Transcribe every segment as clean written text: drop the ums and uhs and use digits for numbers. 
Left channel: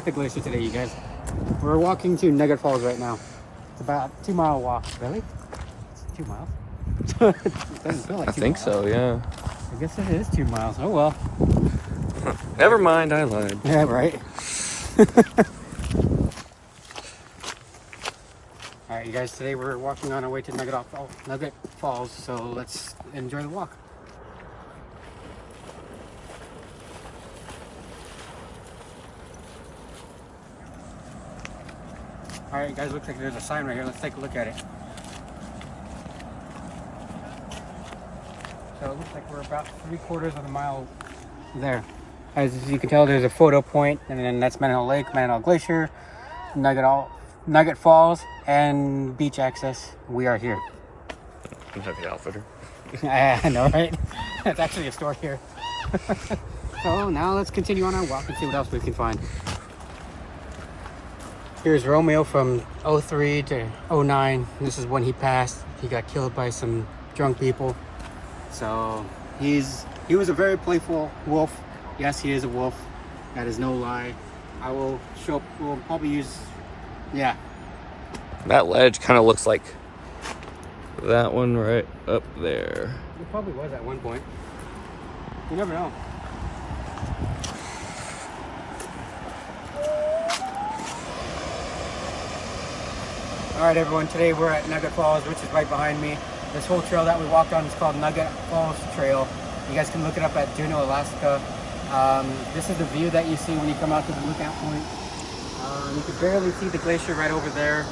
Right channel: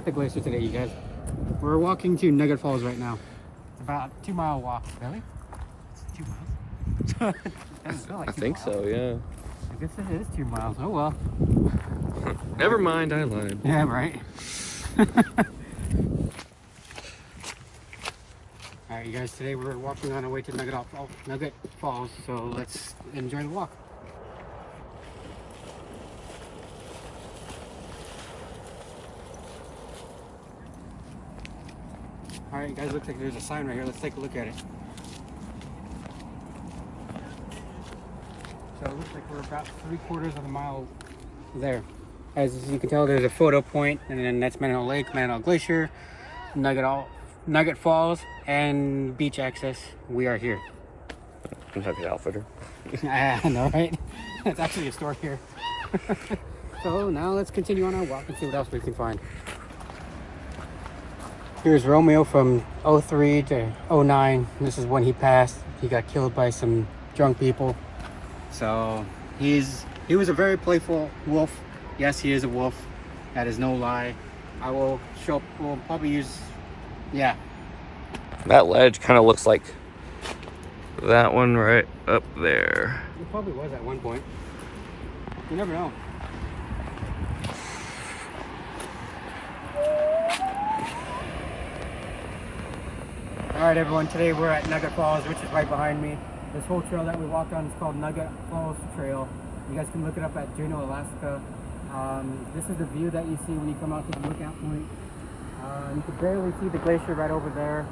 at the glacier today, you guys. We're walking to Nugget Falls right now. It's about a 2-mile walk. Really? It's 2 miles? It doesn't feel like I think so, yeah. I guess it is 2 miles. Oh well. Never mind, I lied. Yeah, right. All right, you guys. Today we're walking on our way to Nugget Falls. So let's enjoy the walk. All right, guys. Looks like there's a sign right here. Let's take a look at it. So it looks like we're about 3/4 of a mile there. As you can tell, there's a photo point, and then that's Manihole Lake, Manihole Glacier, Nugget Falls, and beach access. We are here. Nugget Outfitter. I know, right? It's actually a store here. So now let's continue on our walk and see what else we can find. Here's Romeo from 03 to 09. This is when he passed. He got killed by some drunk people. So he was a very playful wolf. Yes, he is a wolf. That is no lie. We'll probably use, yeah. That ledge kind of looks like that one right up there. It probably was at one point. You never know. All right, everyone. Today we're at Nugget Falls, which is right behind me. This whole trail that we walked on is called Nugget Falls Trail. You guys can look it up at Juneau, Alaska. This is the view that you see when you come out to the lookout point. You can barely see the glacier right over there.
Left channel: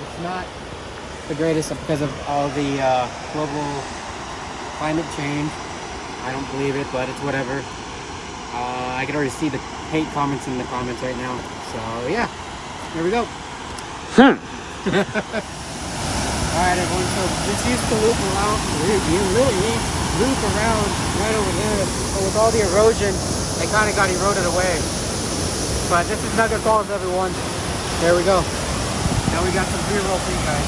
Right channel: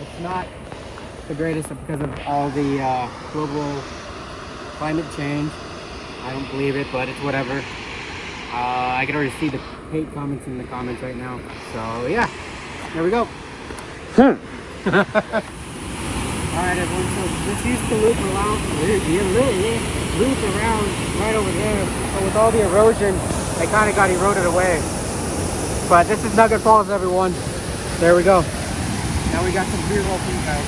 It's not the greatest because of all the global climate change. I don't believe it, but it's whatever. I can already see the hate comments in the comments right now. So yeah, there we go. Alright everyone, so this used to loop around right over there, and with all the erosion, it kind of got eroded away. But this is Nugget Falls, everyone. There we go. Now we got some B-roll for you guys.